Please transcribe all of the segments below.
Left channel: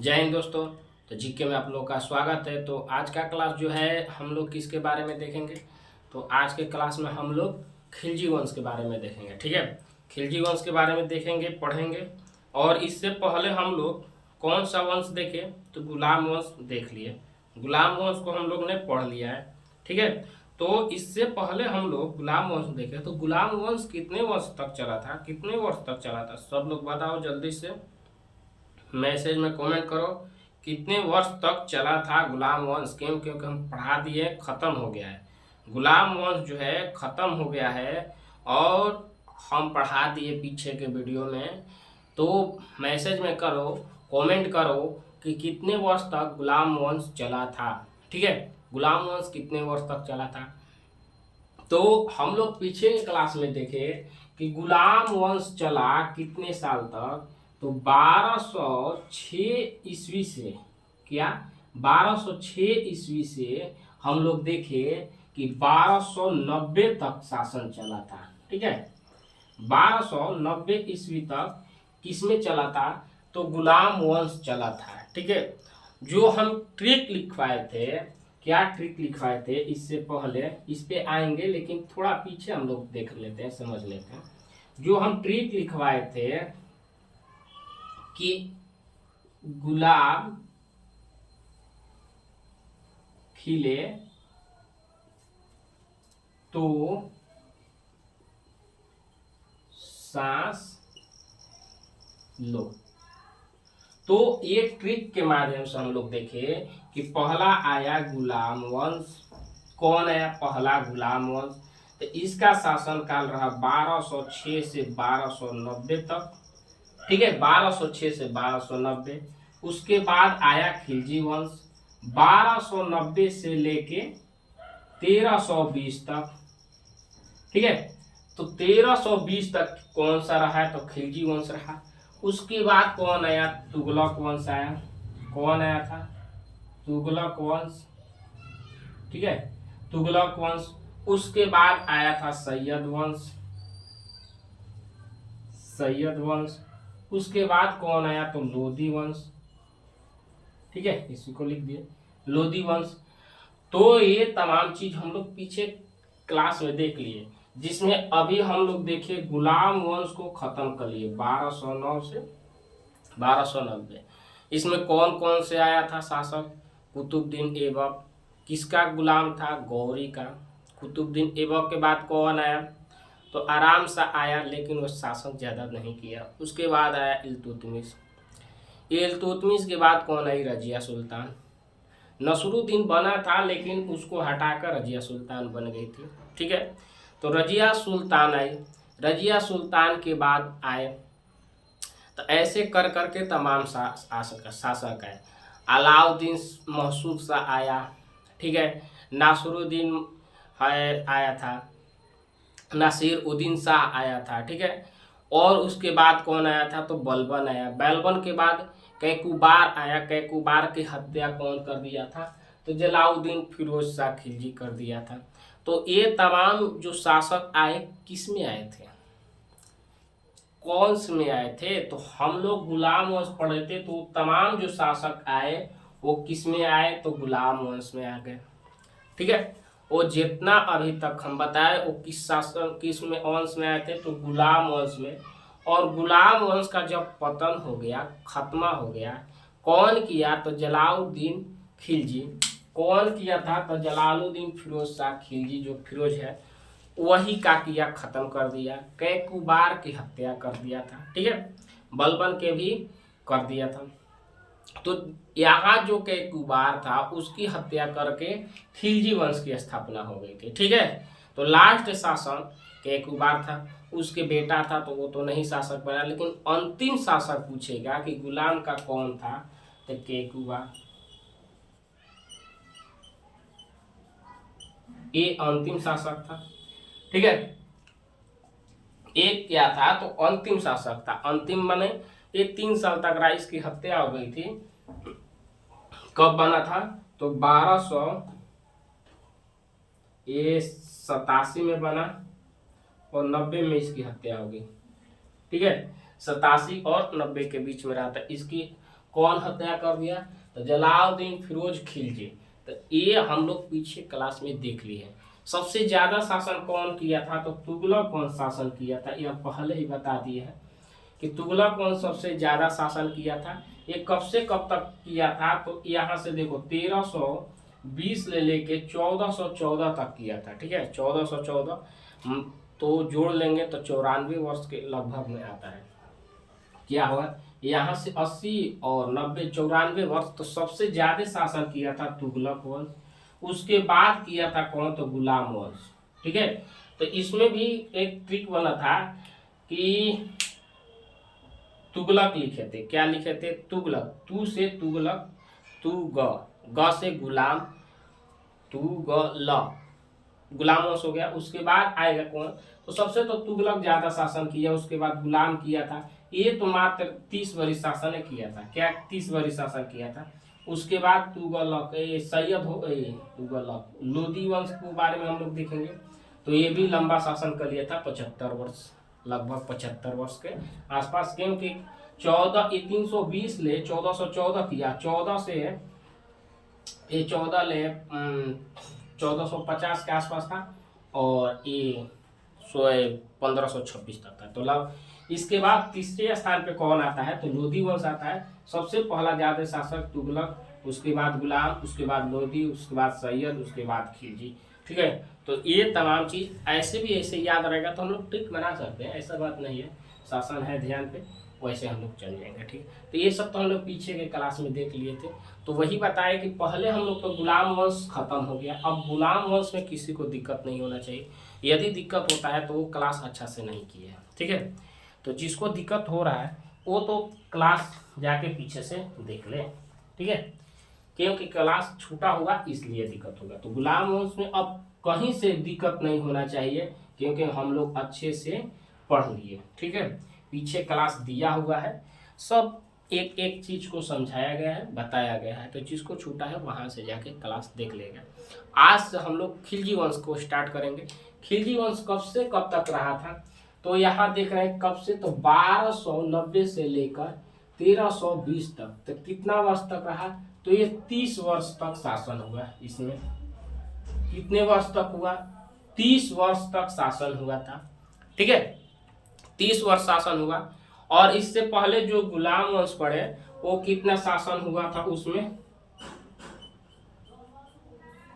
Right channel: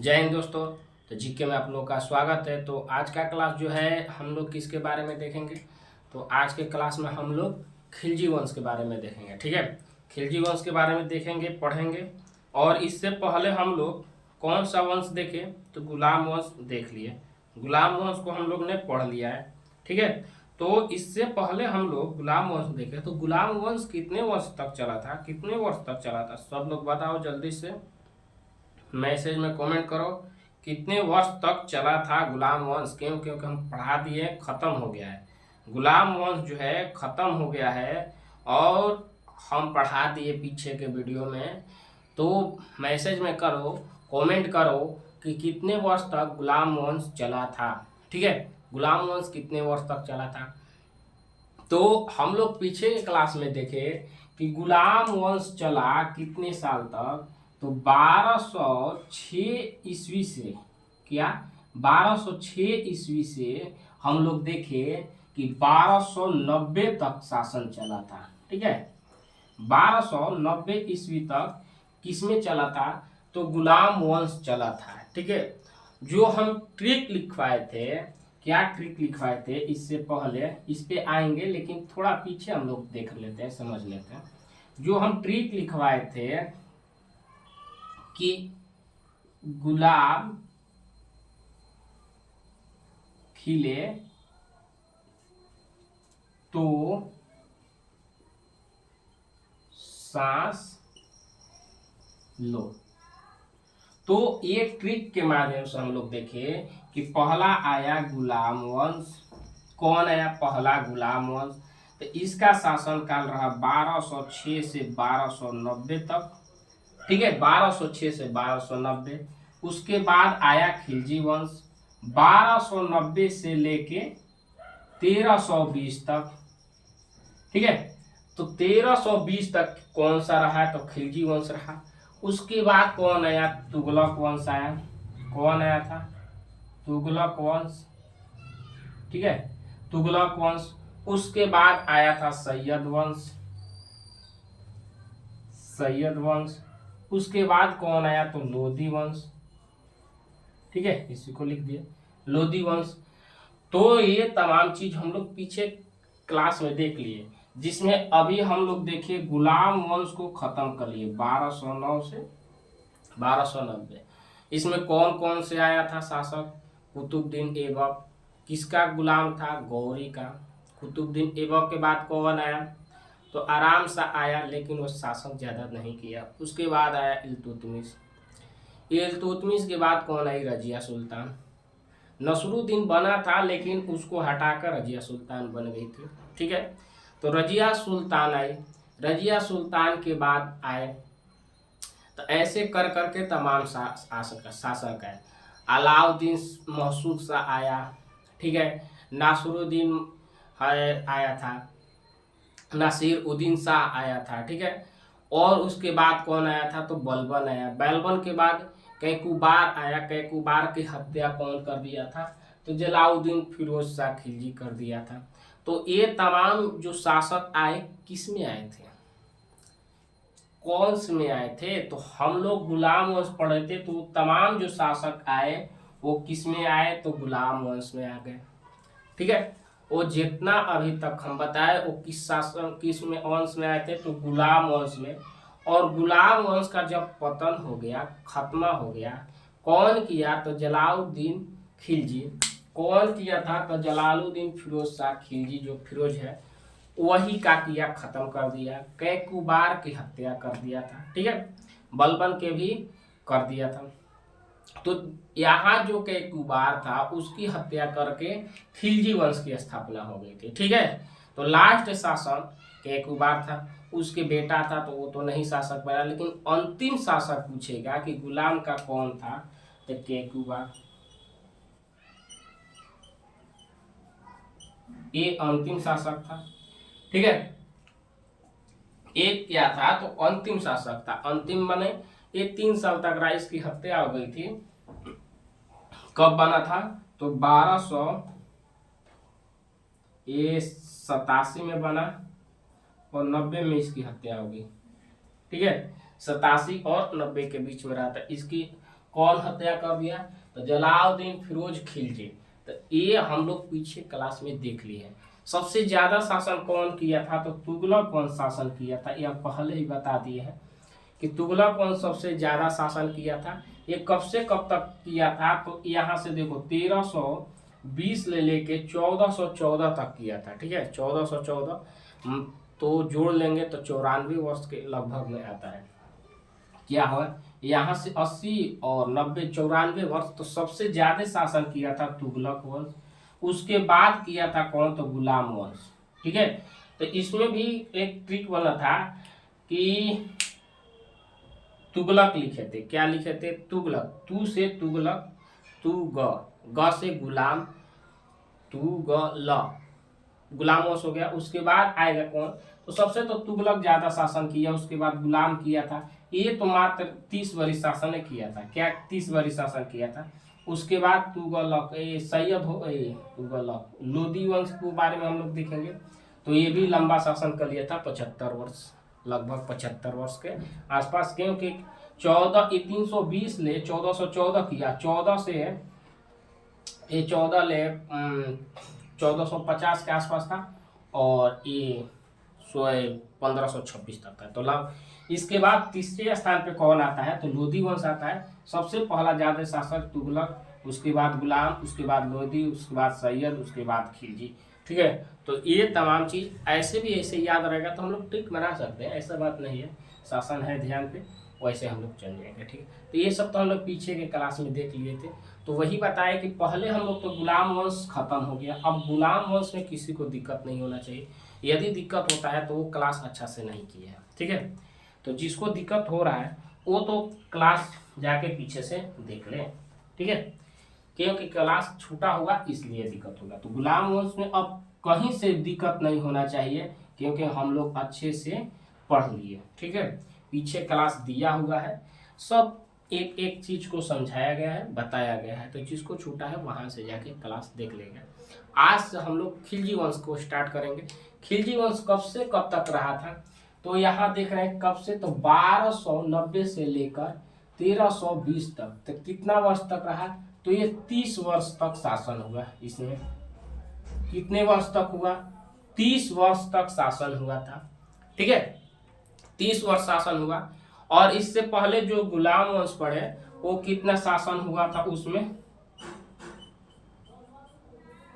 जय हिंद दोस्तों। तो जीके में आप लोग का स्वागत है। तो आज का क्लास जो है हम लोग किसके बारे में देखेंगे, तो आज के क्लास में हम लोग खिलजी वंश के बारे में देखेंगे। ठीक है, खिलजी वंश के बारे में देखेंगे, पढ़ेंगे। और इससे पहले हम लोग कौन सा वंश देखे, तो गुलाम वंश देख लिए। गुलाम वंश को हम लोग ने पढ़ लिया है। ठीक है, तो इससे पहले हम लोग गुलाम वंश देखे। तो गुलाम वंश कितने वर्ष तक चला था, कितने वर्ष तक चला था, सब लोग बताओ जल्दी से मैसेज में कमेंट करो। कितने वर्ष तक चला था गुलाम वंश? क्यों? क्योंकि हम पढ़ा दिए, ख़त्म हो गया है। गुलाम वंश जो है ख़त्म हो गया है और हम पढ़ा दिए पीछे के वीडियो में। तो मैसेज में करो, कमेंट करो कि कितने वर्ष तक गुलाम वंश चला था। ठीक है, गुलाम वंश कितने वर्ष तक चला था। तो हम लोग पीछे के क्लास में देखे कि गुलाम वंश चला कितने साल तक, तो 1206 ईस्वी से, क्या 1206 ईस्वी से हम लोग देखे कि 1290 तक शासन चला था। ठीक है, 1290 ईस्वी तक किसमें चला था, तो गुलाम वंश चला था। ठीक है, जो हम ट्रिक लिखवाए थे, क्या ट्रिक लिखवाए थे, इससे पहले इस पे आएंगे, लेकिन थोड़ा पीछे हम लोग देख लेते हैं, समझ लेते हैं। जो हम ट्रिक लिखवाए थे कि गुलाब खिले तो सांस लो। तो ये ट्रिक के माध्यम से हम लोग देखे कि पहला आया गुलाम वंश। कौन आया पहला? गुलाम वंश। तो इसका शासन काल रहा 1206 से 1290 तक। ठीक है, 1206 से 1290। उसके बाद आया खिलजी वंश 1290 से लेके 1320 तक। ठीक है, तो 1320 तक कौन सा रहा, तो खिलजी वंश रहा। उसके बाद कौन आया? तुगलक वंश आया। कौन आया था? तुगलक वंश। ठीक है, तुगलक वंश। उसके बाद आया था सैयद वंश। सैयद वंश। उसके बाद कौन आया? तो लोधी वंश। ठीक है, इसी को लिख दिए, लोधी वंश। तो ये तमाम चीज हम लोग पीछे क्लास में देख लिए, जिसमें अभी हम लोग देखिए गुलाम वंश को खत्म कर लिए 1209 से 1290। इसमें कौन कौन से आया था शासक? कुतुबुद्दीन ऐबक। किसका गुलाम था? गौरी का। कुतुबुद्दीन ऐबक के बाद कौन आया? तो आराम सा आया, लेकिन वो शासक ज़्यादा नहीं किया। उसके बाद आया इल्तुतमिश। इल्तुतमिश के बाद कौन आई? रजिया सुल्तान। नसरुद्दीन बना था, लेकिन उसको हटाकर रजिया सुल्तान बन गई थी। ठीक है, तो रजिया सुल्तान आई। रजिया सुल्तान के बाद आए, तो ऐसे कर करके तमाम शासक है। अलाउद्दीन महसूद शाह आया। ठीक है, नासरुद्दीन है आया था, नासिर उद्दीन शाह आया था। ठीक है, और उसके बाद कौन आया था? तो बलबन आया। बलबन के बाद कैकुबार आया। कैकुबार की हत्या कौन कर दिया था? तो जलाउद्दीन फिरोज शाह खिलजी कर दिया था। तो ये तमाम जो शासक आए किस में आए थे, कौन से में आए थे? तो हम लोग गुलाम वंश पढ़े थे, तो तमाम जो शासक आए वो किस में आए? तो गुलाम वंश में आ गए। ठीक है, वो जितना अभी तक हम बताए वो किस शासन किस में वंश में आए थे, तो गुलाम वंश में। और गुलाम वंश का जब पतन हो गया, खत्मा हो गया, कौन किया? तो जलालुद्दीन खिलजी। कौन किया था? तो जलालुद्दीन फिरोज शाह खिलजी, जो फिरोज है वही का किया, खत्म कर दिया। कैकुबार की हत्या कर दिया था। ठीक है, बलबन के भी कर दिया था। तो यहाँ जो कैकुबार था उसकी हत्या करके खिलजी वंश की स्थापना हो गई थी। ठीक है, तो लास्ट शासन कैकुबार था। उसके बेटा था तो वो तो नहीं शासक बना, लेकिन अंतिम शासक पूछेगा कि गुलाम का कौन था, तो कैकुबार। ये अंतिम शासक था। ठीक है, एक क्या था? तो अंतिम शासक था। अंतिम माने ये 3 साल तक रहा, इसकी हत्या हो गई थी। कब बना था? तो 1287 में बना और 90 में इसकी हत्या हो गई। ठीक है, 87 और 90 के बीच में रहा था। इसकी कौन हत्या कर दिया? तो जलालुद्दीन फिरोज खिलजी। तो ये हम लोग पीछे क्लास में देख लिए हैं। सबसे ज्यादा शासन कौन किया था? तो तुगलक कौन शासन किया था, ये हम पहले ही बता दिए हैं कि तुगलक कौन सबसे ज्यादा शासन किया था। ये कब से कब तक किया था? तो यहाँ से देखो 1320 ले लेके 1414 तक किया था। ठीक है, 1414 तो जोड़ लेंगे तो 94 वर्ष के लगभग में आता है। क्या हुआ यहाँ से 80 और 90 94 वर्ष तो सबसे ज्यादा शासन किया था तुगलक वंश। उसके बाद किया था कौन? तो गुलाम वंश। ठीक है, तो इसमें भी एक ट्रिक बना था कि तुगलक लिखे थे। क्या लिखे थे? तुगलक, तू से तुगलक, तू ग से गुलाम, तू ग ल, गुलाम वंश हो गया। उसके बाद आएगा कौन? तो सबसे तो तुगलक ज्यादा शासन किया, उसके बाद गुलाम किया था। ये तो मात्र 30 वर्ष शासन किया था। क्या 30 वर्ष शासन किया था? उसके बाद तुगलक सैयद हो तुगलक लोदी वंश के बारे में हम लोग देखेंगे। तो ये भी लंबा शासन कर लिया था, 75 वर्ष, लगभग 75 वर्ष के आसपास। क्योंकि 320 ले 1414 किया, 14 से ये 14 ले 1450 के आसपास था, और ये 1526 तक था। तो इसके बाद तीसरे स्थान पे कौन आता है? तो लोदी वंश आता है। सबसे पहला ज्यादा शासक तुगलक, उसके बाद गुलाम, उसके बाद लोदी, उसके बाद सैयद, उसके बाद खिलजी। ठीक है, तो ये तमाम चीज ऐसे भी ऐसे याद रहेगा तो हम लोग ट्रिक बना सकते हैं, ऐसा बात नहीं है। शासन है ध्यान पे, वैसे हम लोग चल जाएंगे। ठीक है, तो ये सब तो हम लोग पीछे के क्लास में देख लिए थे। तो वही बताया कि पहले हम लोग तो गुलाम वंश खत्म हो गया। अब गुलाम वंश में किसी को दिक्कत नहीं होना चाहिए। यदि दिक्कत होता है तो वो क्लास अच्छा से नहीं किया है। ठीक है, तो जिसको दिक्कत हो रहा है वो तो क्लास जाके पीछे से देख ले। ठीक है, क्योंकि क्लास छूटा होगा इसलिए दिक्कत होगा। तो गुलाम वंश में अब कहीं से दिक्कत नहीं होना चाहिए, क्योंकि हम लोग अच्छे से पढ़ लिए। ठीक है, पीछे क्लास दिया हुआ है, सब एक एक चीज को समझाया गया है, बताया गया है। तो जिसको छूटा है वहां से जाके क्लास देख लेगा। आज से हम लोग खिलजी वंश को स्टार्ट करेंगे। खिलजी वंश कब से कब तक रहा था? तो यहाँ देख रहे हैं कब से, तो 1290 से लेकर 1320 तक। तो कितना वर्ष तक रहा? तो ये 30 वर्ष तक शासन हुआ। इसमें कितने वर्ष तक हुआ? 30 वर्ष तक शासन हुआ था। ठीक है, 30 वर्ष शासन हुआ। और इससे पहले जो गुलाम वंश पढ़े वो कितना शासन हुआ था? उसमें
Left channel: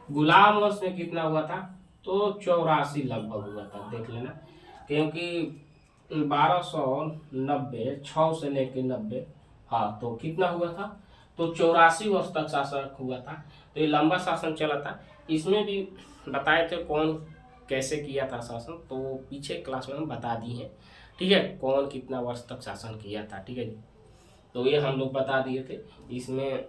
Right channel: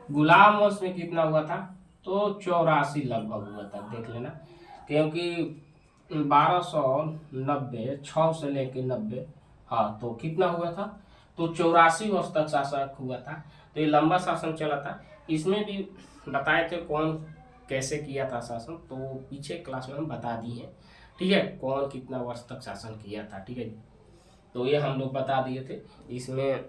गुलाम वंश में कितना हुआ था? तो 84 लगभग हुआ था, देख लेना। क्योंकि 1290 6 से लेके 90, हाँ, तो कितना हुआ था? तो 84 वर्ष तक शासन हुआ था। तो ये लंबा शासन चला था। इसमें भी बताए थे कौन कैसे किया था शासन, तो पीछे क्लास में हम बता दिए हैं। ठीक है, कौन कितना वर्ष तक शासन किया था। ठीक है, तो ये हम लोग बता दिए थे। इसमें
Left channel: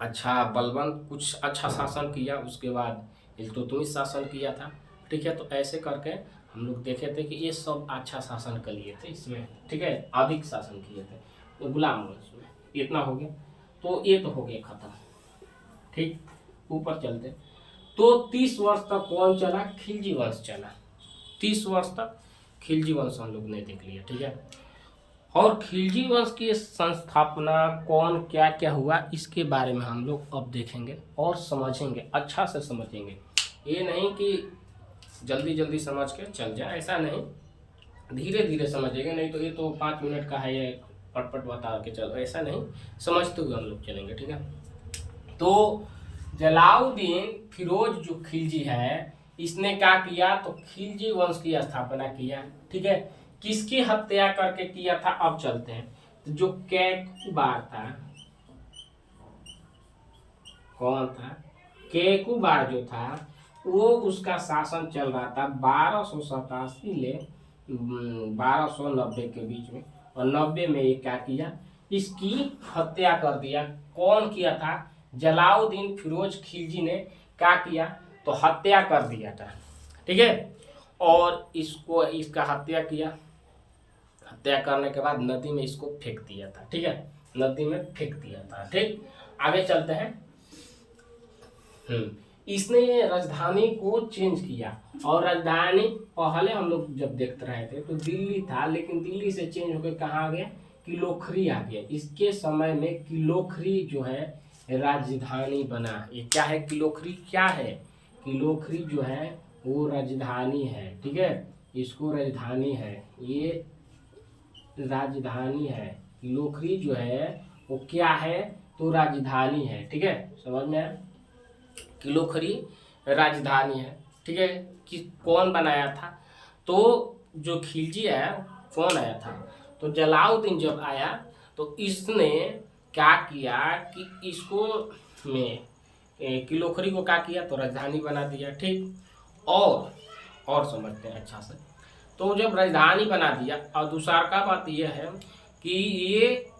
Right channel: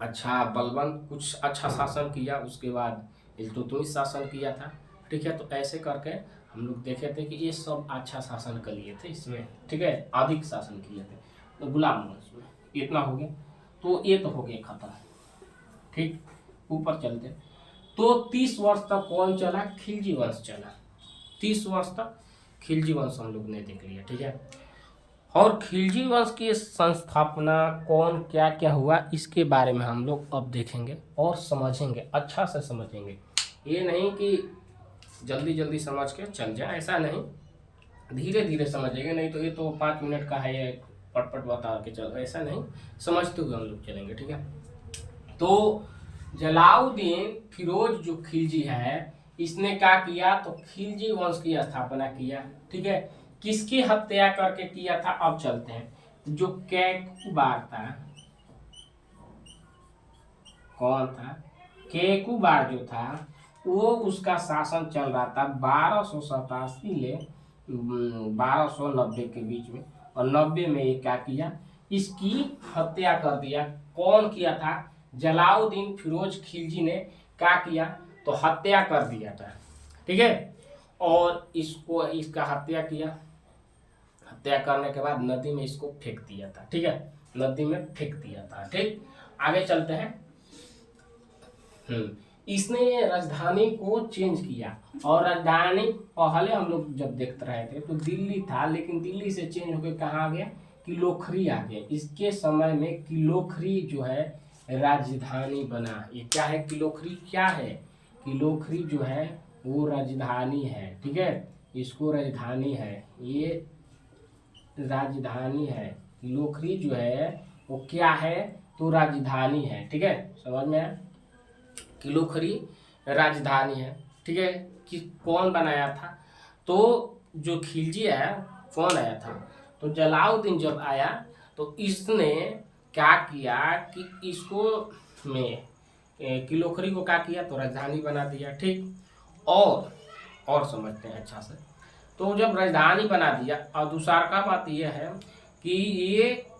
अच्छा बलबन कुछ अच्छा शासन किया, उसके बाद इल्तुतमिश शासन किया था। ठीक है, तो ऐसे करके हम लोग देखे थे कि ये सब अच्छा शासन कर लिए थे इसमें। ठीक है, अधिक शासन किए थे। तो गुलाम वंश में इतना हो गया, तो ये तो हो गया खत्म। ठीक, ऊपर चलते। तो 30 वर्ष तक कौन चला? खिलजी वंश चला। 30 वर्ष तक खिलजी वंश हम लोग ने देख लिया। ठीक है, और खिलजी वंश की संस्थापना कौन क्या क्या हुआ इसके बारे में हम लोग अब देखेंगे और समझेंगे, अच्छा से समझेंगे। ये नहीं कि जल्दी जल्दी समझ के चल जाए, ऐसा नहीं, धीरे धीरे समझेंगे। नहीं तो ये तो 5 मिनट का है, ये पटपट बता के चलो, ऐसा नहीं, समझते हुए हम लोग चलेंगे। ठीक है, तो जलालुद्दीन फिरोज जो खिलजी है, इसने क्या किया? तो खिलजी वंश की स्थापना किया। ठीक है, किसकी हत्या करके किया था? अब चलते हैं। तो जो कैकुबार था, कौन था? कैकुबार जो था वो, उसका शासन चल रहा था 1287 ले 1290 के बीच में। और 90 में ये क्या किया? इसकी हत्या कर दिया। कौन किया था? जलालुद्दीन फिरोज खिलजी ने क्या किया? तो हत्या कर दिया था। ठीक है, और इसको इसका हत्या किया। हत्या करने के बाद नदी में इसको फेंक दिया था। ठीक है, नदी में फेंक दिया था। ठीक, आगे चलते हैं। इसने राजधानी को चेंज किया, और राजधानी पहले हम लोग जब देखते रहे थे तो दिल्ली था, लेकिन दिल्ली से चेंज होकर कहाँ आ गया? किलोखरी आ गया। इसके समय में किलोखरी जो है राजधानी बना। ये क्या है? किलोखरी क्या है? किलोखरी जो है वो राजधानी है। ठीक है, इसको राजधानी है, ये राजधानी है। किलोखरी जो है वो क्या है? तो राजधानी है। ठीक है, समझ में आया? किलोखरी राजधानी है। ठीक है, कि कौन बनाया था? तो जो खिलजी आया, कौन आया था? तो जलाउद्दीन जब आया तो इसने क्या किया कि इसको में किलोखरी को क्या किया? तो राजधानी बना दिया। ठीक, और समझते हैं अच्छा से। तो जब राजधानी बना दिया, और दूसरा का बात यह है कि ये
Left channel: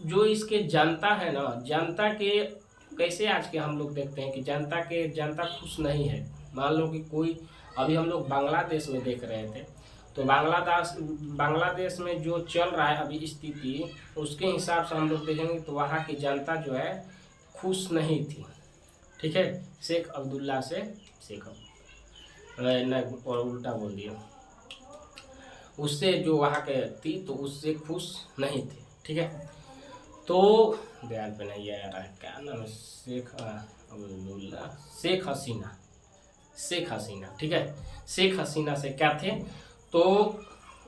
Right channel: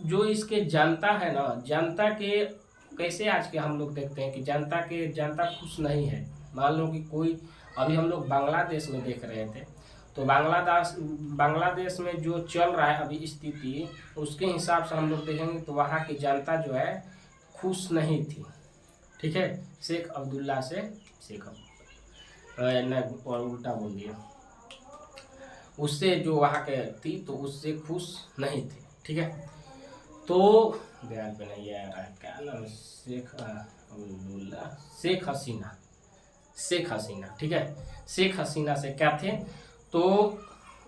जो इसके जनता है ना, जनता के कैसे आज के हम लोग देखते हैं कि जनता खुश नहीं है। मान लो कि कोई, अभी हम लोग बांग्लादेश में देख रहे थे, तो बांग्लादेश में जो चल रहा है अभी स्थिति, उसके हिसाब से हम लोग देखेंगे तो वहाँ की जनता जो है खुश नहीं थी। ठीक है, शेख अब्दुल्ला से नहीं, और उल्टा बोल दिया, उससे जो वहाँ के थी तो उससे खुश नहीं थे। ठीक है, तो ध्यान पे नहीं आ रहा है क्या नाम है, शेख अब्दुल्ला, शेख हसीना। ठीक है, शेख हसीना से क्या थे? तो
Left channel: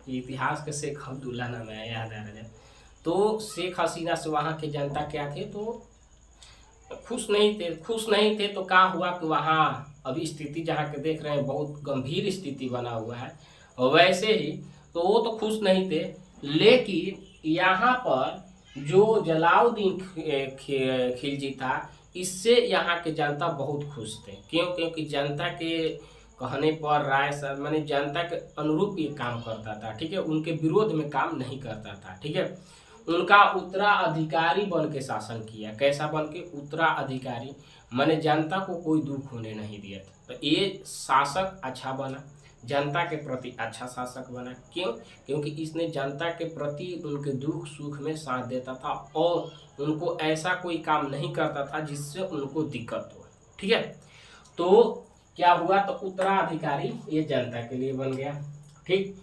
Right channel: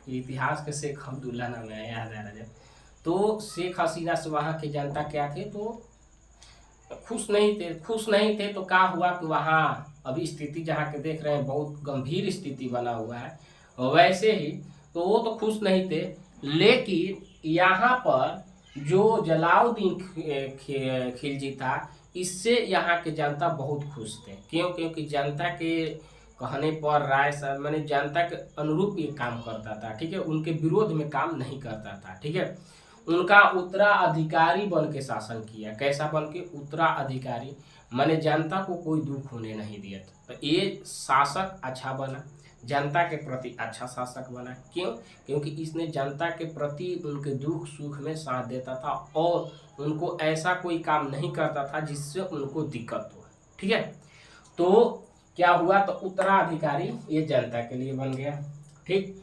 इतिहास के शेख अब्दुल्ला नाम है, याद आ रहा है। तो शेख हसीना से वहाँ की जनता क्या थे? तो खुश नहीं थे। तो क्या हुआ कि वहाँ अभी स्थिति जहाँ के देख रहे हैं बहुत गंभीर स्थिति बना हुआ है। वैसे ही तो वो तो खुश नहीं थे, लेकिन यहाँ पर जो जलाउद्दीन खिलजी था, इससे यहाँ के जनता बहुत खुश थे। क्यों? क्योंकि जनता के कहने पर राय सर मैंने जनता के अनुरूप ये काम करता था। ठीक है, उनके विरोध में काम नहीं करता था। ठीक है, उनका उत्तराधिकारी बन के शासन किया। कैसा बन के? उत्तराधिकारी, माने जनता को कोई दुख होने नहीं दिया। तो ये शासक अच्छा बना, जनता के प्रति अच्छा शासक बना। क्यों? क्योंकि इसने जनता के प्रति उनके दुख सुख में साथ देता था और उनको ऐसा कोई काम नहीं करता था जिससे उनको दिक्कत हो। ठीक है, तो क्या हुआ? तो उत्तराधिकारी ये जनता के लिए बन गया। ठीक,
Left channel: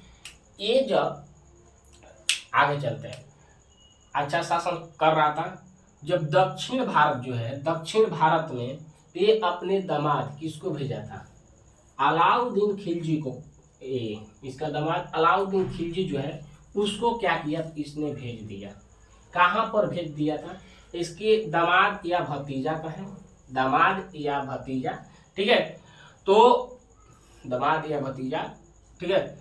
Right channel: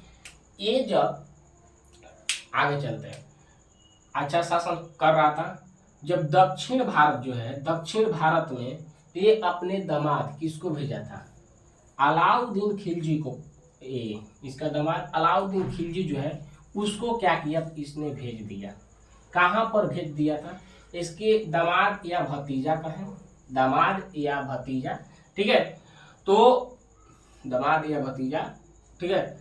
ये जब आगे चलते हैं, अच्छा शासन कर रहा था। जब दक्षिण भारत जो है, दक्षिण भारत में ये अपने दामाद किसको भेजा था? अलाउद्दीन खिलजी को। इसका दामाद अलाउद्दीन खिलजी जो है उसको क्या किया? इसने भेज दिया। कहाँ पर भेज दिया था? इसके दामाद या भतीजा का है, दामाद या भतीजा। ठीक है, तो दामाद या भतीजा। ठीक है,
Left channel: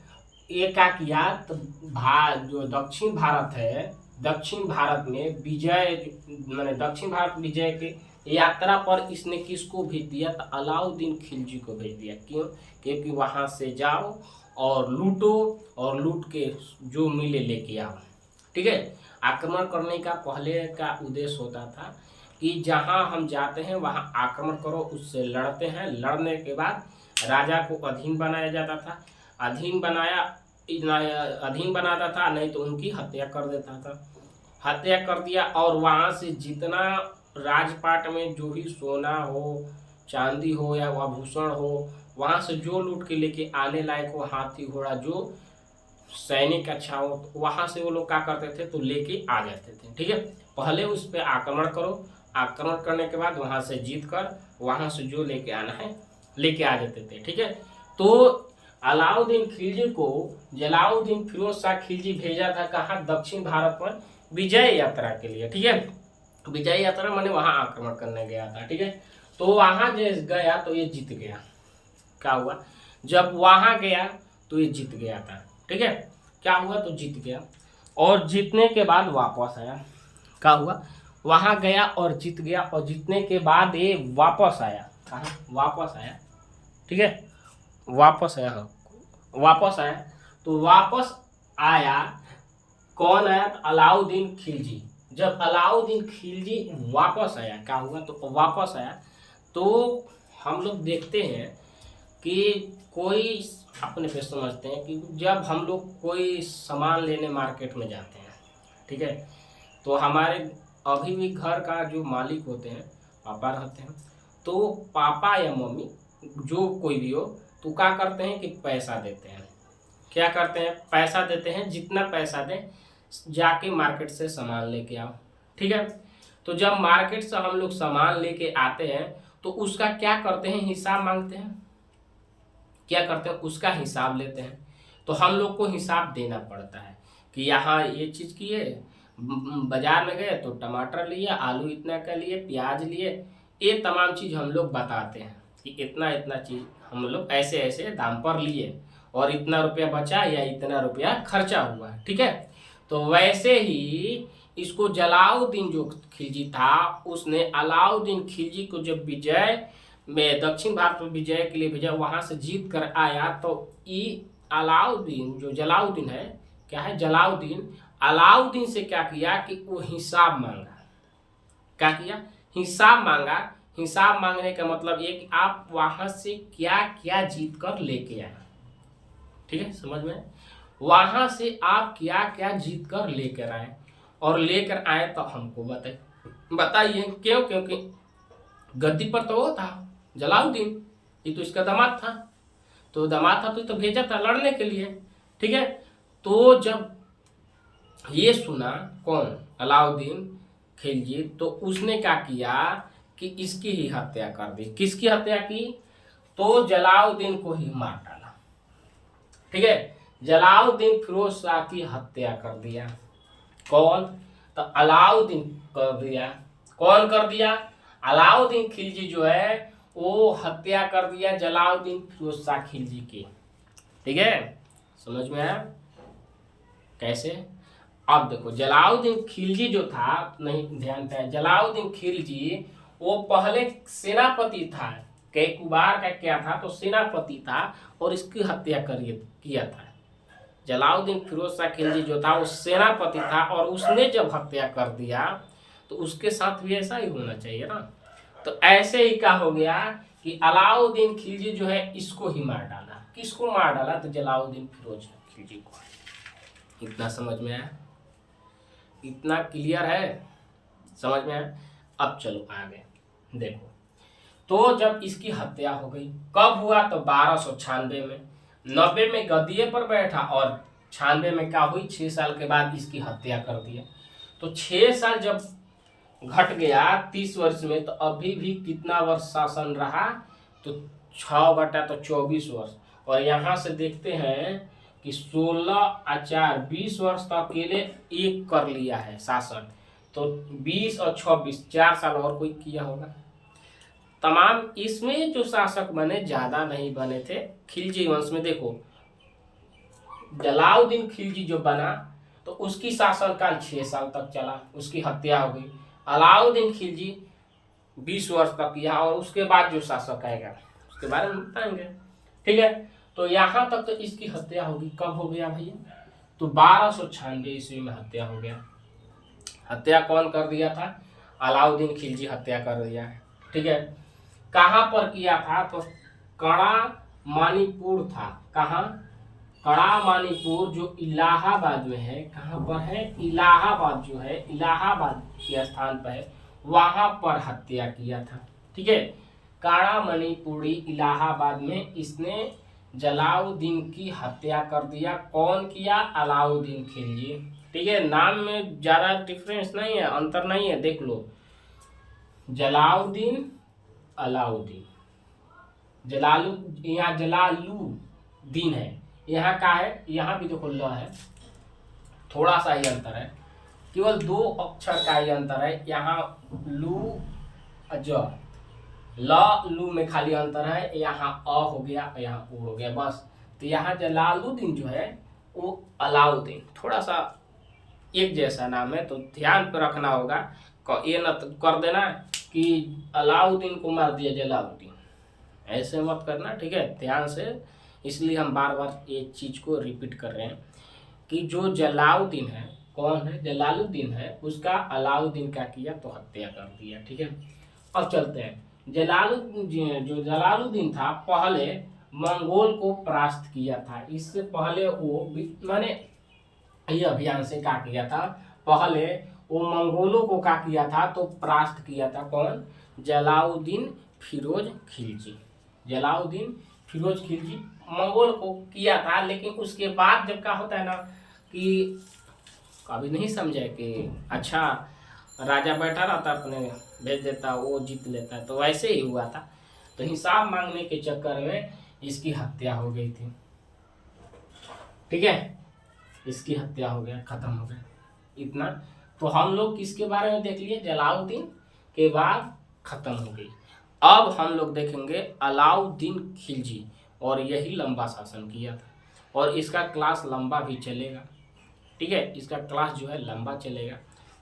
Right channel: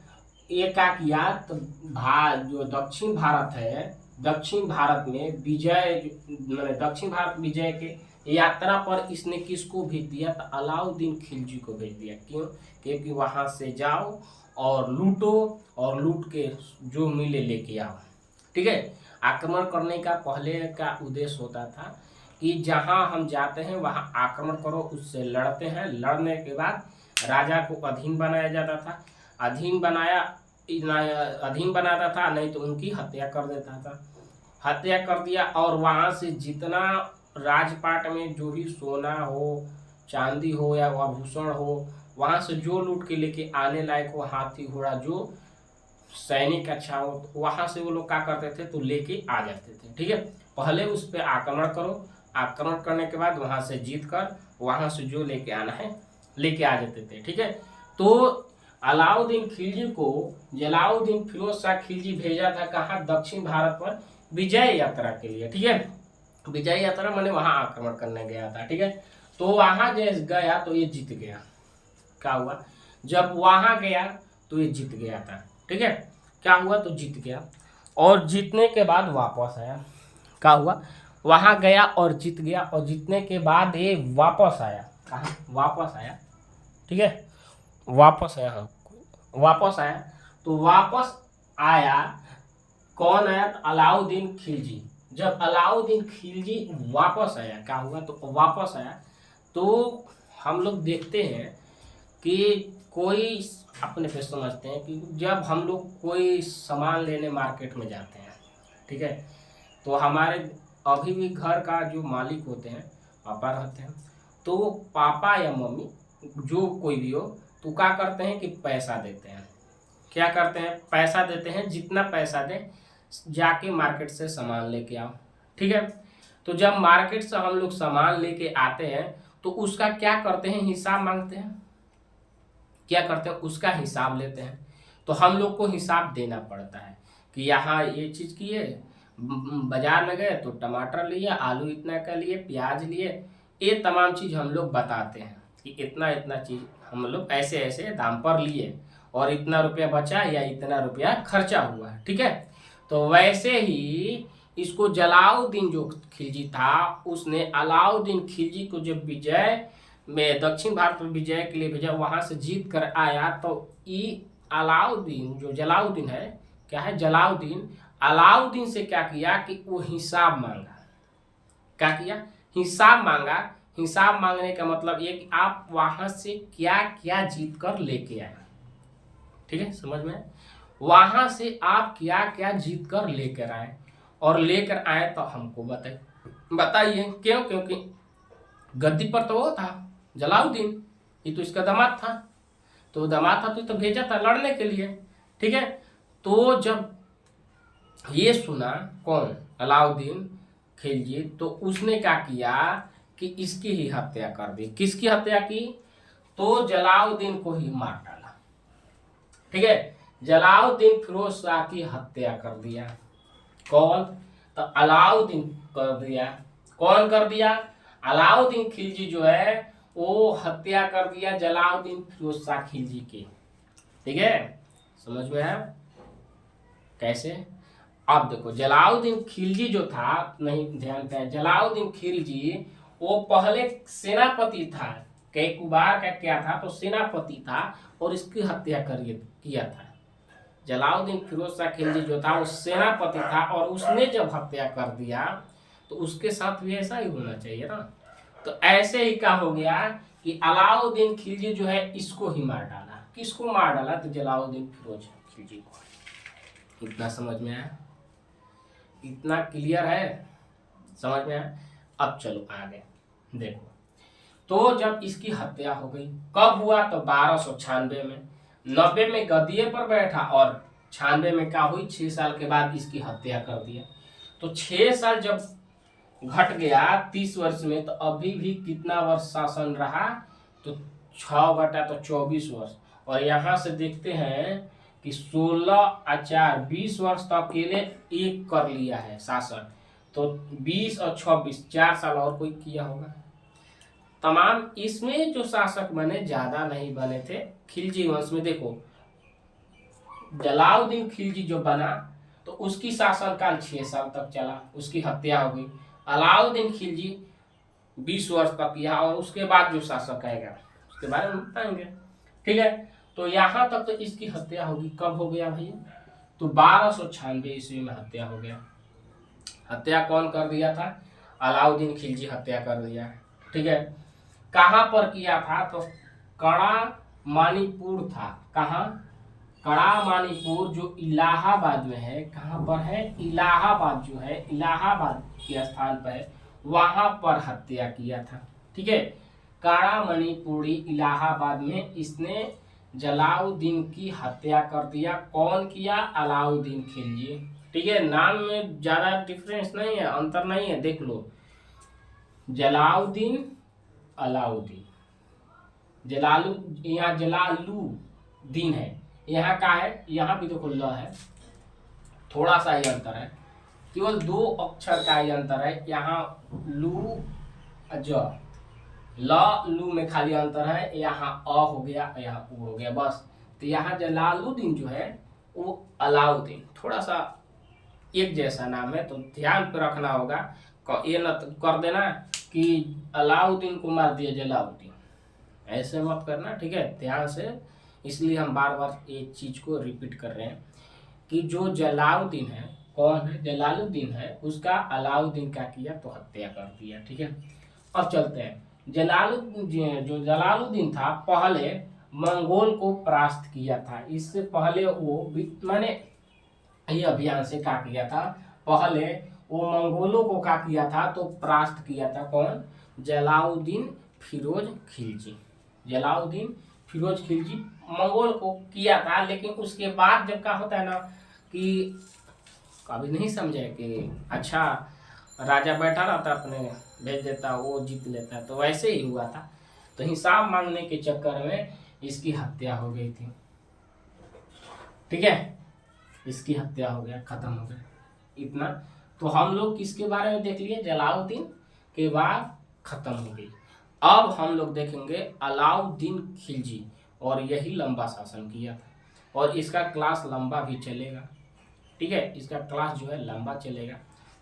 ये क्या किया? तो जो दक्षिण भारत है, दक्षिण भारत में विजय, मैंने दक्षिण भारत विजय के यात्रा पर इसने किसको भेज दिया? तो अलाउद्दीन खिलजी को भेज दिया। क्यों? क्योंकि वहाँ से जाओ और लूटो, और लूट के जो मिले लेके आओ। ठीक है, आक्रमण करने का पहले का उद्देश्य होता था कि जहाँ हम जाते हैं वहाँ आक्रमण करो, उससे लड़ते हैं, लड़ने के बाद राजा को अधीन बनाया जाता था, अधीन बनाता था, नहीं तो उनकी हत्या कर देता था। हत्या कर दिया और वहाँ से जितना राजपाट में जो भी सोना हो, चांदी हो या आभूषण हो, वहाँ से जो लूट के लेके आने लायक हो, हाथी घोड़ा, जो सैनिक अच्छा हो, तो वहाँ से वो लोग क्या करते थे? तो लेके आ जाते थे। ठीक है, पहले उस पर आक्रमण करो, आक्रमण करने के बाद वहाँ से जीत कर वहाँ से जो लेके आना है लेके आ जाते थे। ठीक है, तो अलाउद्दीन खिलजी को जलाउद्दीन फिरोज शाह खिलजी भेजा था कहाँ? दक्षिण भारत पर विजय यात्रा के लिए। ठीक है, विजय यात्रा माने वहाँ आक्रमण करने गया था। ठीक है, तो वहाँ जैसे गया तो ये जीत गया। क्या हुआ? जब वहाँ गया तो ये जीत गया था। ठीक है, क्या हुआ? तो जीत गया, और जीतने के बाद वापस आया। क्या हुआ? वहाँ गया और जीत गया, और जीतने के बाद ये वापस आया। कहाँ? वापस आया। ठीक है, वापस आया तो वापस आया कौन आया? अलाउद्दीन खिलजी। जब अलाउद्दीन खिलजी वापस आया, क्या हुआ? तो वापस आया तो हम लोग देखते हैं कि कोई अपने पे समझते हैं कि जब हम लोग कोई सामान लेने मार्केट में जाते हैं, ठीक है, तो हमारे अभी भी घर का जो मालिक होते हैं पापा रहते हैं, तो पापा या मम्मी जो कोई भी हो तो क्या करते हैं कि पैसा देते हैं। क्या करते हैं? पैसा देते हैं। जितना पैसा दें जाके मार्केट से सामान लेके आओ। ठीक है, तो जब मार्केट से हम लोग सामान लेके आते हैं तो उसका क्या करते हैं, हिसाब मांगते हैं। क्या करते हैं, उसका हिसाब लेते हैं। तो हम लोग को हिसाब देना पड़ता है कि यहाँ ये चीज़ किए, बाजार में गए तो टमाटर लिए, आलू इतना का लिए, प्याज लिए, ये तमाम चीज़ हम लोग बताते हैं कि इतना इतना चीज़ हम लोग ऐसे ऐसे दाम पर लिए और इतना रुपया बचा या इतना रुपया खर्चा हुआ। ठीक है, तो वैसे ही इसको जलाउद्दीन जो खिलजी था, उसने अलाउद्दीन खिलजी को जब विजय में दक्षिण भारत में विजय के लिए भेजा, वहां से जीत कर आया, तो ये अलाउद्दीन जो जलाउद्दीन है, क्या है जलाउद्दीन, अलाउद्दीन से क्या किया कि वो हिसाब मांगा। क्या किया, हिसाब मांगा। हिसाब मांगने का मतलब ये कि आप वहां से क्या क्या जीत कर लेके आए। ठीक है, समझ में, वहां से आप क्या क्या जीत कर लेकर आए, और लेकर आए तो हमको बताइए क्यों, क्योंकि गद्दी पर तो वो था जलाउद्दीन, ये तो इसका दामाद था, तो दामाद था तो भेजा था लड़ने के लिए। ठीक है, तो जब ये सुना कौन, अलाउद्दीन खिलजी, तो उसने क्या किया कि इसकी ही हत्या कर दी। किसकी हत्या की, तो जलाउद्दीन को ही मार डाला। ठीक है, जलाउद्दीन फिरोज शाह की हत्या कर दिया। कौन, तो अलाउद्दीन कर दिया। कौन कर दिया, अलाउद्दीन खिलजी जो है वो हत्या कर दिया जलाउद्दीन फिरोज शाह खिलजी की। ठीक है, समझ में आया कैसे। अब देखो जलाउद्दीन खिलजी जो था, नहीं ध्यान था, जलाउद्दीन खिलजी वो पहले सेनापति था, कैकुबार का क्या था, तो सेनापति था और इसकी हत्या किया था। जलाउद्दीन फिरोज शाह खिलजी जो था वो सेनापति था, और उसने जब हत्या कर दिया तो उसके साथ भी ऐसा ही होना चाहिए ना। तो ऐसे ही क्या हो गया कि अलाउद्दीन खिलजी जो है इसको ही मार डाला। किसको मार डाला, तो जलाउद्दीन फिरोज खिलजी को। इतना समझ में आया, इतना क्लियर है, समझ में आया। अब चलो आगे देखो, तो जब इसकी हत्या हो गई, कब हुआ, तो 1296 में। 90 में गद्दी पर बैठा और 96 में क्या हुई, 6 साल के बाद इसकी हत्या कर दिया। तो 6 साल जब घट गया 30 वर्ष में, तो अभी भी कितना वर्ष शासन रहा, तो 6 बटा तो 24 वर्ष। और यहाँ से देखते हैं कि 16 4 20 वर्ष तो अकेले एक कर लिया है शासन, तो 20 और 26 4 साल और कोई किया होगा। तमाम इसमें जो शासक बने ज्यादा नहीं बने थे खिलजी वंश में। देखो जलाउद्दीन खिलजी जो बना तो उसकी शासनकाल 6 साल तक चला, उसकी हत्या हो गई। अलाउद्दीन खिलजी 20 वर्ष तक किया, और उसके बाद जो शासक आएगा उसके बारे में बताएंगे। ठीक है, तो यहाँ तक तो इसकी हत्या होगी। कब हो गया भाई, तो 1296 ईस्वी में हत्या हो गया। हत्या कौन कर दिया था, अलाउद्दीन खिलजी हत्या कर दिया। ठीक है, कहाँ पर किया था, तो कड़ा मानीपुर था। कहाँ, कड़ा मानीपुर जो इलाहाबाद में है। कहाँ पर है, इलाहाबाद जो है, इलाहाबाद के स्थान पर है, वहां पर हत्या किया था। ठीक है, काड़ा मणिपुरी इलाहाबाद में इसने जलाउद्दीन की हत्या कर दिया। कौन किया, अलाउद्दीन खिलजी। ठीक है, नाम में ज्यादा डिफरेंस नहीं है, अंतर नहीं है, देख लो, जलाउद्दीन अलाउद्दीन, जलालू, यहाँ जलालुद्दीन है, यहाँ का है, यहाँ भी देखो ल है, थोड़ा सा ही अंतर है, केवल 2 अक्षर का ही अंतर है। यहाँ लू ज, ल लू में खाली अंतर है, यहाँ अ हो गया, यहाँ उ हो गया, बस। तो यहाँ जलालुद्दीन जो है वो अलाउद्दीन, थोड़ा सा एक जैसा नाम है, तो ध्यान पे रखना होगा। ये न कर देना कि अलाउद्दीन को मार दिया जलालुद्दीन, ऐसे मत करना। ठीक है, ध्यान से, इसलिए हम बार बार एक चीज को रिपीट कर रहे हैं कि जो जलालुद्दीन है, कौन है, जलालुद्दीन है, उसका अलाउद्दीन क्या किया, तो हत्या कर दिया। ठीक है, अब चलते हैं। जो जलालुद्दीन था पहले मंगोल को परास्त किया था। इससे पहले वो मैंने ये अभियान से क्या किया था, पहले वो मंगोलों को क्या किया था, तो परास्त किया था। कौन, जलालुद्दीन फिरोज खिलजी। जलालुद्दीन फिरोज खिलजी मंगोल को किया था, लेकिन उसके बाद जब क्या होता है ना कि कभी नहीं समझे कि अच्छा राजा बैठा रहता अपने भेज देता, वो जीत लेता, तो वैसे ही हुआ था। तो हिसाब मांगने के चक्कर में इसकी हत्या हो गई थी। ठीक है, इसकी हत्या हो गया, खत्म हो गया इतना। तो हम लोग किसके बारे में देख लिए, जलालुद्दीन के बाद खत्म हो गई। अब हम लोग देखेंगे अलाउद्दीन खिलजी, और यही लंबा शासन किया था, और इसका क्लास लंबा भी चलेगा। ठीक है, इसका क्लास जो है लंबा चलेगा।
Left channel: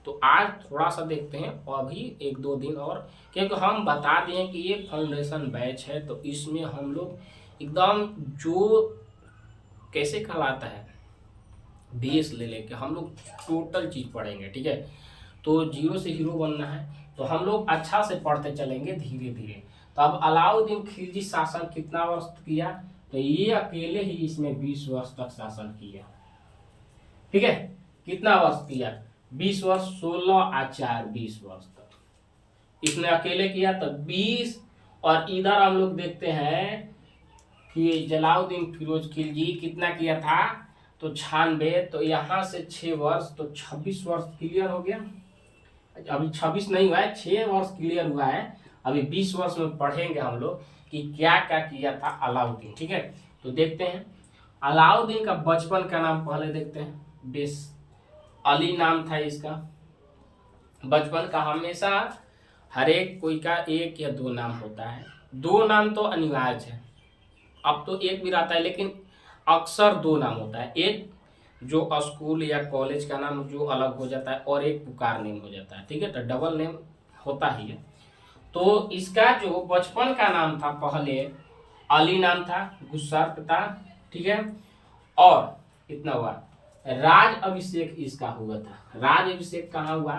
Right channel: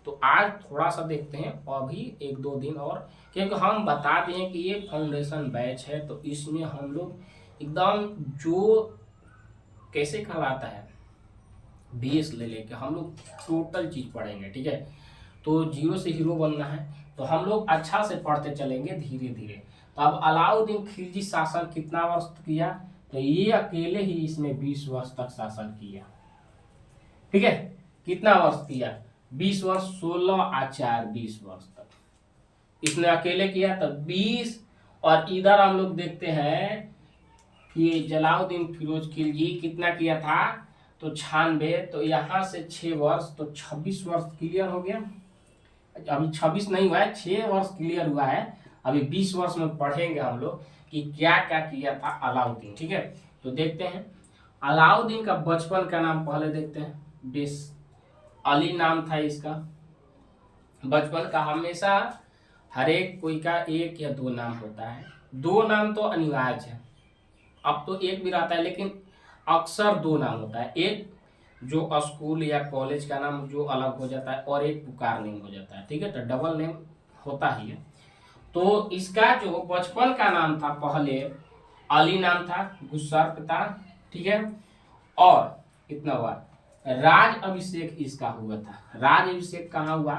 तो आज थोड़ा सा देखते हैं, अभी 1-2 दिन और, क्योंकि हम बता दें कि ये फाउंडेशन बैच है, तो इसमें हम लोग एकदम जो कैसे कहलाता है बेस ले लेके हम लोग टोटल चीज़ पढ़ेंगे। ठीक है, तो जीरो से हीरो बनना है, तो हम लोग अच्छा से पढ़ते चलेंगे धीरे धीरे। तो अब अलाउद्दीन खिलजी शासन कितना वर्ष किया, तो ये अकेले ही इसमें 20 वर्ष तक शासन किया। ठीक है, कितना वर्ष किया, 20 वर्ष, 16 और 4 20 वर्ष तक इसने अकेले किया। तो 20, और इधर हम लोग देखते हैं कि जलालुद्दीन फिरोज खिलजी कितना किया था, तो 96, तो यहाँ से 6 वर्ष, तो 26 वर्ष क्लियर हो गया। अभी 26 नहीं हुआ है, 6 वर्ष क्लियर हुआ है। अभी 20 वर्ष में पढ़ेंगे हम लोग कि क्या क्या किया था अलाउद्दीन। ठीक है, तो देखते हैं अलाउद्दीन का बचपन का नाम पहले देखते हैं। बेस अली नाम था इसका बचपन का। हमेशा हर एक कोई का 1 या 2 नाम होता है, 2 नाम तो अनिवार्य है। अब तो 1 भी रहता है, लेकिन अक्सर 2 नाम होता है, एक जो स्कूल या कॉलेज का नाम जो अलग हो जाता है, और एक पुकार नेम हो जाता है। ठीक है, तो डबल नेम होता ही है। तो इसका जो बचपन का नाम था पहले अली नाम था, गुस्सार्क था। ठीक है, और इतना हुआ, राज अभिषेक इसका हुआ था। राज अभिषेक कहाँ हुआ,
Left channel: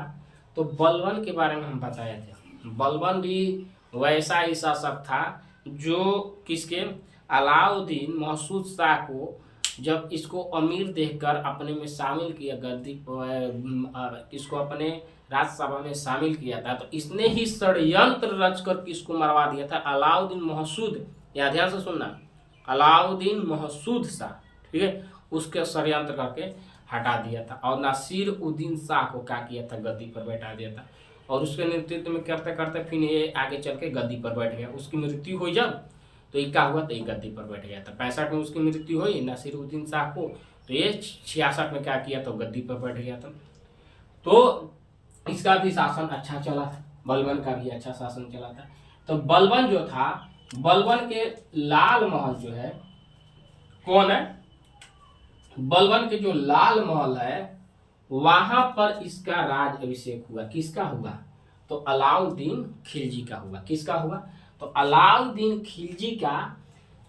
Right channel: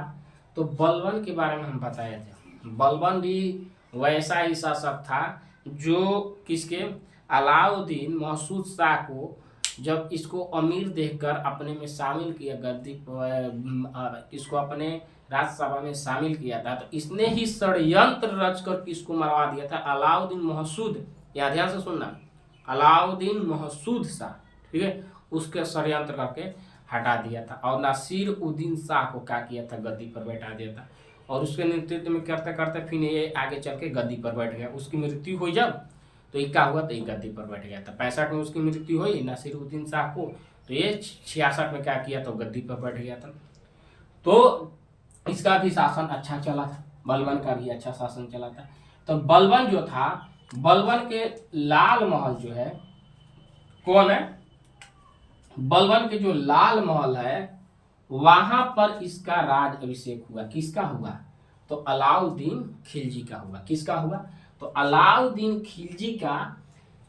तो बलबन के बारे में हम बताए थे। बलबन भी वैसा ही शासक था जो किसके, अलाउद्दीन महसूद शाह को जब इसको अमीर देखकर अपने में शामिल किया, गद्दी पर इसको अपने राज्यसभा में शामिल किया था, तो इसने ही षड्यंत्र रचकर किसको मरवा दिया था, अलाउद्दीन महसूद, या ध्यान से सुनना, अलाउद्दीन महसूद शाह। ठीक है, उसके षड्यंत्र करके हटा दिया था, और नासिर उद्दीन शाह को क्या किया था, गद्दी पर बैठा दिया था। और उसके नेतृत्व में करते करते फिर ये आगे चल के गद्दी पर बैठ गया। उसकी मृत्यु हुई जब, तो ये क्या हुआ, तो ये गद्दी पर बैठ गया था। 65 में उसकी मृत्यु हुई नासिरुद्दीन शाह को, तो ये 66 में क्या किया, तो गद्दी पर बैठ गया था। तो इसका भी शासन अच्छा चला था, बलबन का भी अच्छा शासन चला था। तो बलबन जो था, बलबन के लाल महल जो है, कौन है, बलबन के जो लाल महल है, वहां पर इसका राज अभिषेक हुआ। किसका हुआ, तो अलाउद्दीन खिलजी का हुआ। किसका हुआ, तो अलाउद्दीन खिलजी का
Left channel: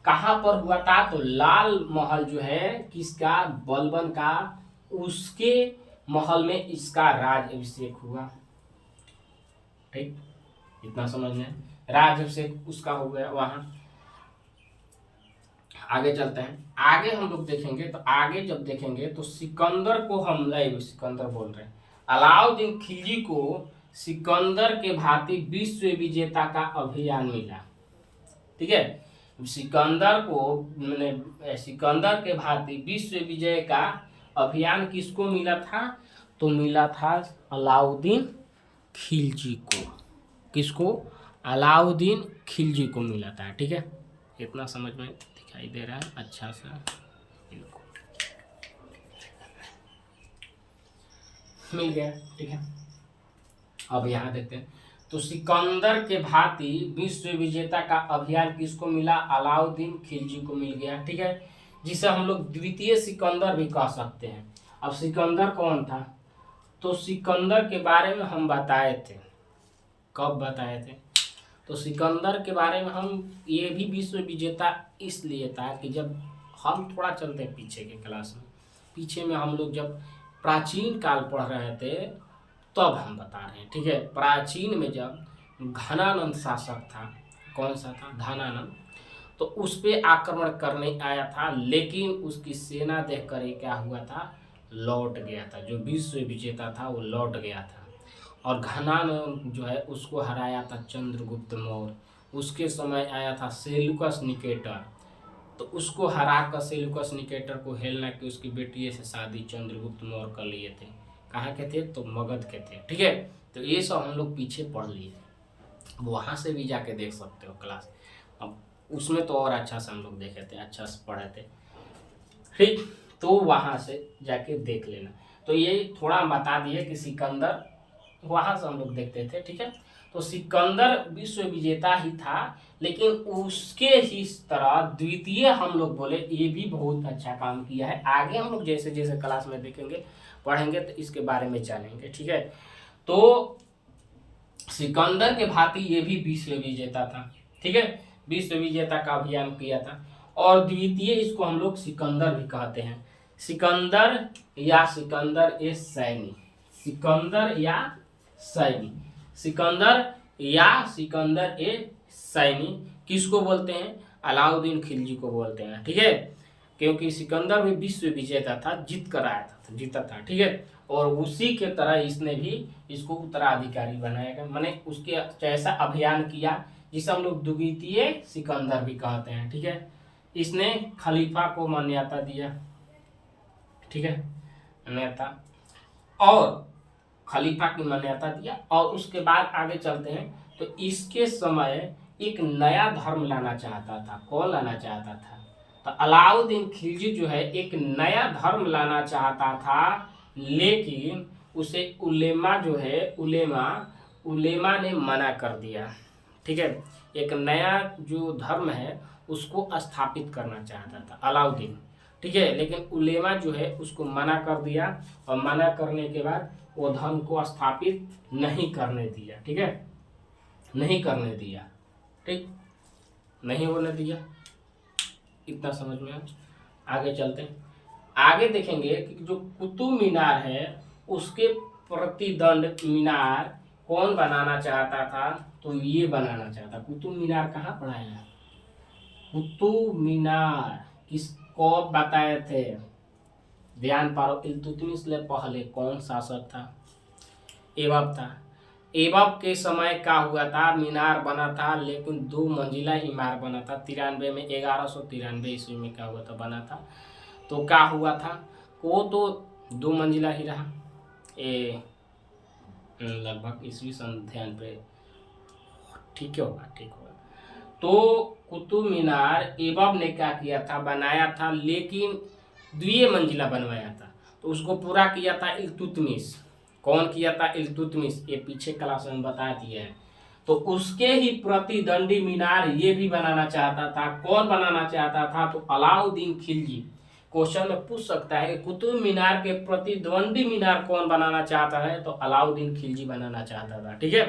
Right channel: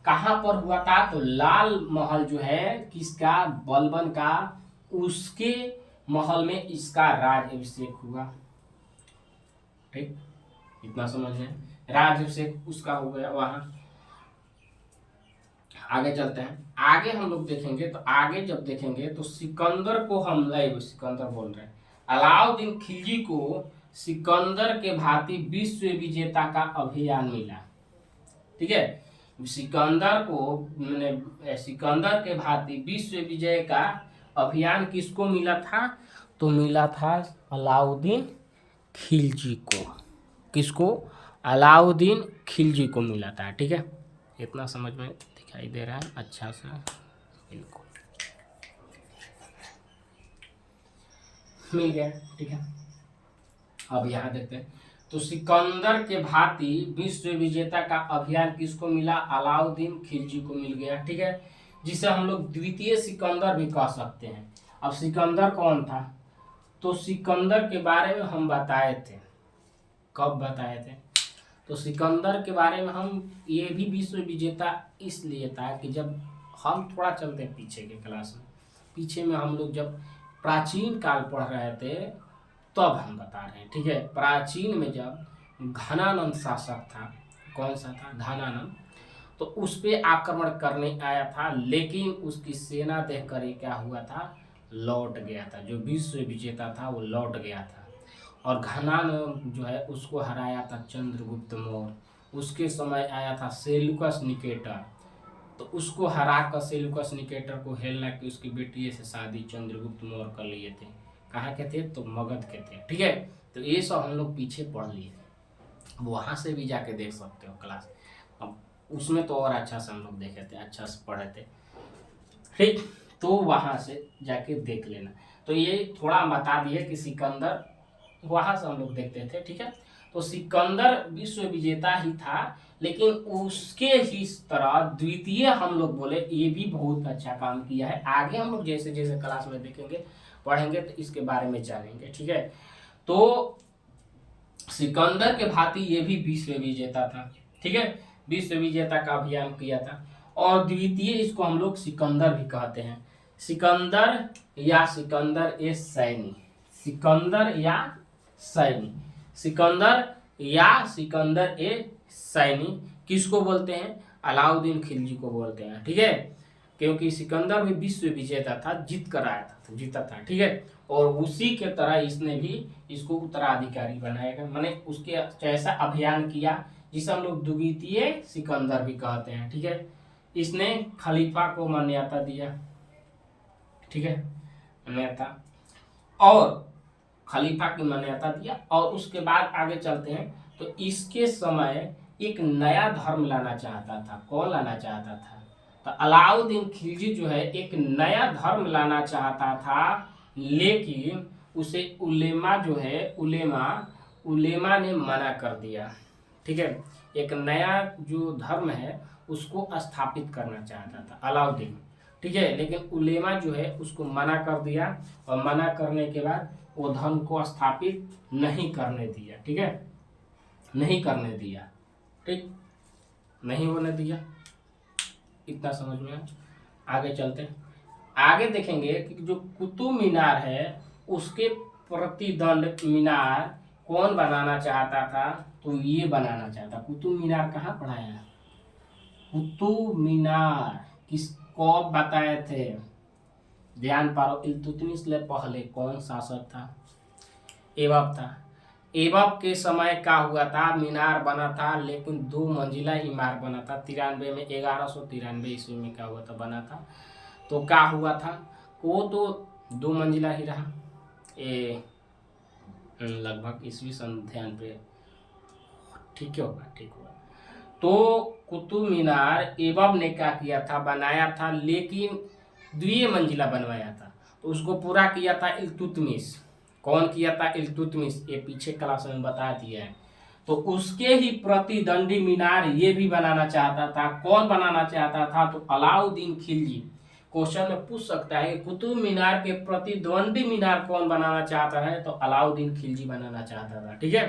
कहाँ पर हुआ था, तो लाल महल जो है किसका, बलबन का, उसके महल में इसका राज अभिषेक हुआ। ठीक, इतना समझ में, राज अभिषेक उसका हो गया वहां। आगे चलते हैं, आगे हम लोग देखेंगे, तो आगे जब देखेंगे तो सिकंदर को हम सिकंदर बोल रहे हैं, अलाउद्दीन खिलजी को सिकंदर के भांति विश्व विजेता का अभियान मिला। ठीक है, सिकंदर को मैंने सिकंदर के भांति विश्व विजय का अभियान किसको मिला था, तो मिला था अलाउद्दीन खिलजी को। किसको, अलाउद्दीन खिलजी को मिला था। ठीक है, इतना समझ में दिखाई दे रहा है अच्छा से, इनको मिल गया। ठीक है, अब यहाँ देखते हैं, तो सिकंदर के भांति विश्व विजेता का अभियान किसको मिला, अलाउद्दीन खिलजी को मिल गया। ठीक है, जिसे हम लोग द्वितीय सिकंदर भी कह सकते हैं। अब सिकंदर कौन था, तो सिकंदर के बारे में हम बताए थे। कब बताए थे, तो सिकंदर के बारे में हम, ये भी विश्व विजेता इसलिए था कि जब हम थोड़ा चलते हैं पीछे के क्लास में, पीछे में हम लोग जब प्राचीन काल पढ़ रहे थे तब हम बता रहे हैं। ठीक है, प्राचीन में जब घनानंद शासक था, कौन सा था, घनानंद, तो उस पर आक्रमण करने आया था, लेकिन उसकी सेना देखकर ये क्या हुआ था, लौट गया था। जो विश्व विजेता था वो लौट गया था, और घनानंद जो है उसको हराया था चंद्रगुप्त मौर्य। उसके समय आया था सेल्यूकस निकेटर, तो उसको हरा कर सेल्यूकस निकेटर को हेलेना की उसकी बेटी से शादी चंद्रगुप्त मौर्य कर लिए थे। कहाँ के थे? तो मगध के थे। ठीक है, तो ये सब हम लोग पीछे पढ़ लिए, वहाँ से भी जाके देख सकते हो क्लास। अब उसमें तो और अच्छा से हम लोग देखे थे, अच्छा से पढ़े थे। ठीक, तो वहाँ से जाके देख लेना। तो ये थोड़ा बता दिए कि सिकंदर, वहाँ से हम लोग देखते थे। ठीक है, तो सिकंदर विश्व विजेता ही था, लेकिन उसके ही तरह द्वितीय हम लोग बोले ये भी बहुत अच्छा काम किया है। आगे हम लोग जैसे जैसे क्लास में देखेंगे पढ़ेंगे तो इसके बारे में जानेंगे। ठीक है, तो सिकंदर के भांति ये भी विश्व विजेता था। ठीक है, विश्व विजेता का अभियान किया था। और द्वितीय इसको हम लोग सिकंदर भी कहते हैं, सिकंदर या सिकंदर ए सैनी, सिकंदर या सैनी, सिकंदर या सिकंदर ए सैनी किसको बोलते हैं? अलाउद्दीन खिलजी को बोलते हैं। ठीक है, क्योंकि सिकंदर भी विश्व विजेता था, जीत कर आया था, जीता था। ठीक है, और उसी के तरह इसने भी इसको उत्तराधिकारी बनाएगा, माने उसके जैसा अभियान किया जिसे हम लोग द्वितीय सिकंदर भी कहते हैं। ठीक है, इसने खलीफा को मान्यता दिया। ठीक है, मान्यता और खलीफा की मान्यता दिया। और उसके बाद आगे चलते हैं, तो इसके समय एक नया धर्म लाना चाहता था। कौन लाना चाहता था? तो अलाउद्दीन खिलजी जो है एक नया धर्म लाना चाहता था, लेकिन उसे उलेमा जो है उलेमा ने मना कर दिया। ठीक है, एक नया जो धर्म है उसको स्थापित करना चाहता था अलाउद्दीन। ठीक है, लेकिन उलेमा जो है उसको मना कर दिया, और मना करने के बाद वो धर्म को स्थापित नहीं करने दिया। ठीक है, नहीं करने दिया। ठीक, नहीं होने दिया। इतना समझ में आगे चलते हैं। आगे देखेंगे कि जो कुतुब मीनार है उसके प्रतिदंड मीनार कौन बनाना चाहता था? तो ये बनाना चाहता। कुतुब मीनार कहाँ पढ़ाया है? कुतुब मीनार किसको बताए थे? ध्यान पारो, इल्तुतमिश से पहले कौन शासक था? ऐबक था। ऐबक के समय क्या हुआ था? मीनार बना था, लेकिन 2 मंजिला इमारत बना था। 93 में 1193 ईस्वी में क्या हुआ था? बना था। तो क्या हुआ था? वो तो 2 मंजिला ही रहा। लगभग ईस्वी सन ध्यान पे ठीक होगा, ठीक होगा। तो कुतुब मीनार ऐबक ने क्या किया था? बनाया था, लेकिन 2 मंजिला बनवाया था। तो उसको पूरा किया था इल्तुतमिश। कौन किया था? इल्तुतमिश। ये पीछे क्लास में बता दिया है। तो उसके ही प्रतिद्वंदी मीनार ये भी बनाना चाहता था। कौन बनाना चाहता था? तो अलाउद्दीन खिलजी। क्वेश्चन में पूछ सकता है कि कुतुब मीनार के प्रतिद्वंदी मीनार कौन बनाना चाहता है? तो अलाउद्दीन खिलजी बनाना चाहता था। ठीक है,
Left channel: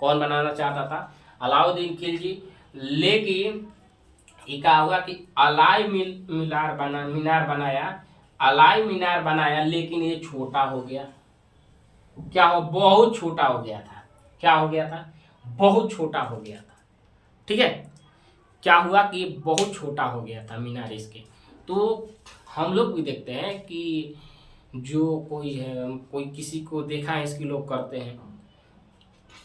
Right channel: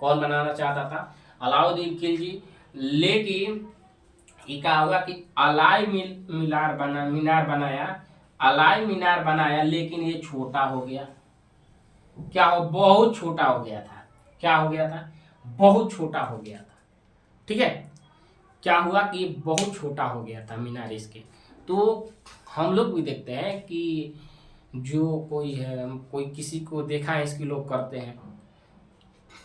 कौन बनाना चाहता था? अलाउद्दीन खिलजी। लेकिन ये क्या हुआ कि अलाई मीनार बनाया, लेकिन ये छोटा हो गया। क्या हो? बहुत छोटा हो गया था। क्या हो गया था? बहुत छोटा हो गया था। ठीक है, क्या हुआ कि बहुत छोटा हो गया था मीनार इसके। तो हम लोग भी देखते हैं कि जो कोई है, कोई किसी को देखा है इसकी लोग करते हैं,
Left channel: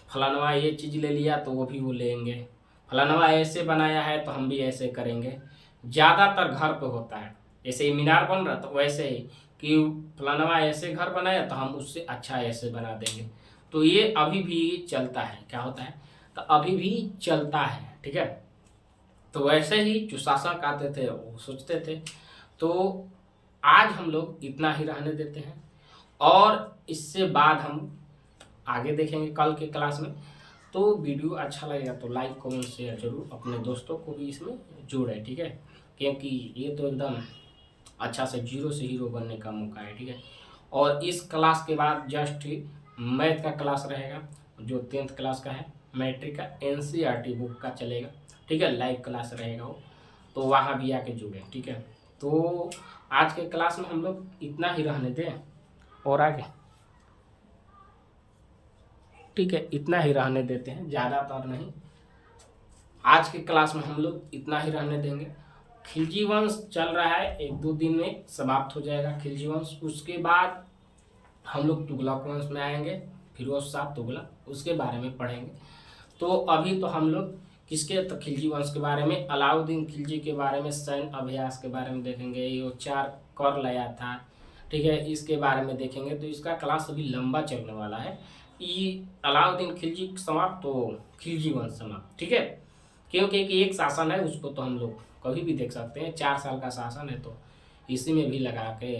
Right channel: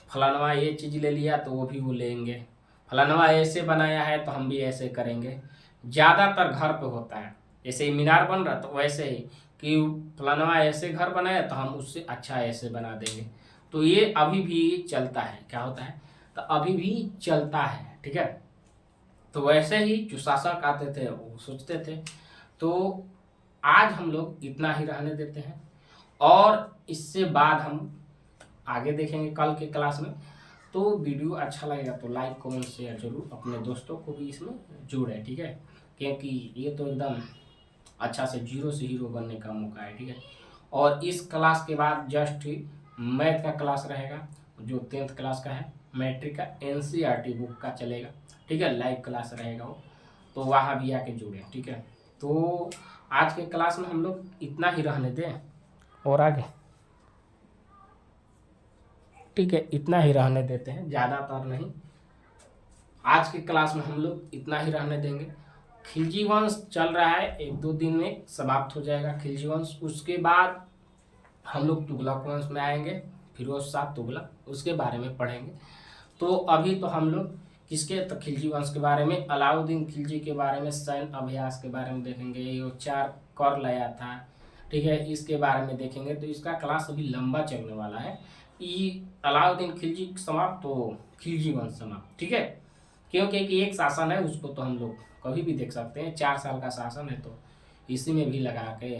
फलानवा ये चीज़ ले लिया तो वो भी वो लेंगे, फलानवा ऐसे बनाया है तो हम भी ऐसे करेंगे। ज़्यादातर घर पे होता है, जैसे ही मीनार बन रहा तो वैसे ही कि फलानवा ऐसे घर बनाया तो हम उससे अच्छा ऐसे बना देंगे। तो ये अभी भी चलता है। क्या होता है? तो अभी भी चलता है। ठीक है, तो वैसे ही जो शासक आते थे वो सोचते थे। तो आज हम लोग इतना ही रहने देते हैं, और इससे बाद हम आगे देखेंगे कल के क्लास में। तो वीडियो अच्छा लगेगा तो लाइक कमेंट शेयर जरूर, अपने दोस्तों को भी इसमें जोड़ें। ठीक है, क्योंकि ये तो एकदम अच्छा से जीरो से हीरो बनने का मौका है। ठीक है, और इस क्लास के बाद जस्ट ही मैथ का क्लास रहेगा, जो 10th क्लास का है, मैट्रिक का NCERT बुक का चलेगा। ठीक है, लाइव क्लास रहेगा वो, तो वहाँ भी आके जुड़े। ठीक है, तो आज के क्लास में हम लोग इतना ही रहने दें, और आगे ठीक है इतना ही रहने देते हैं, ज़्यादातर नहीं। आज के क्लास में हम लोग इतना ही रहने देंगे। खिलजी वंश चल रहा है, 1-2 दिन में समाप्त हो जाएगा खिलजी वंश। उसके बाद हम लोग तुगलक वंश में आएंगे, फिरोज शाह तुगलक, उसके बारे में पढ़ेंगे। तो अभी तो हम लोग किसके, तो खिलजी वंश के बारे में, अलाउद्दीन खिलजी के बारे में, सैन्य अभ्यास के बारे में देखेंगे, ये 4 कर लाया था, ठीक है, इसके बारे में देखेंगे। तो इसका क्लास अभी लंबा चलने वाला है। अलाउद्दीन खिलजी समाप्त तो खिलजी वंश समाप्त, ठीक है, क्योंकि एक शासन है उसको तो हम लोग कभी भी देख सकते हैं, 4 साल का शासन है तो इसी में भी लगा के,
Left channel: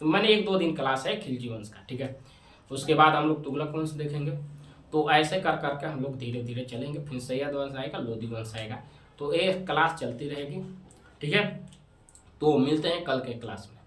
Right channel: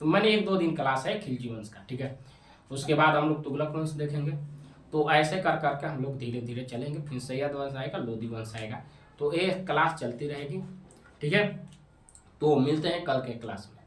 तो मैंने 1-2 दिन क्लास है खिलजी वंश का, ठीक है। उसके बाद हम लोग तुगलक वंश देखेंगे। तो ऐसे कर करके हम लोग धीरे धीरे चलेंगे, फिर सैयद वंश आएगा, लोधी वंश आएगा, तो ये क्लास चलती रहेगी, ठीक है। तो मिलते हैं कल के क्लास में।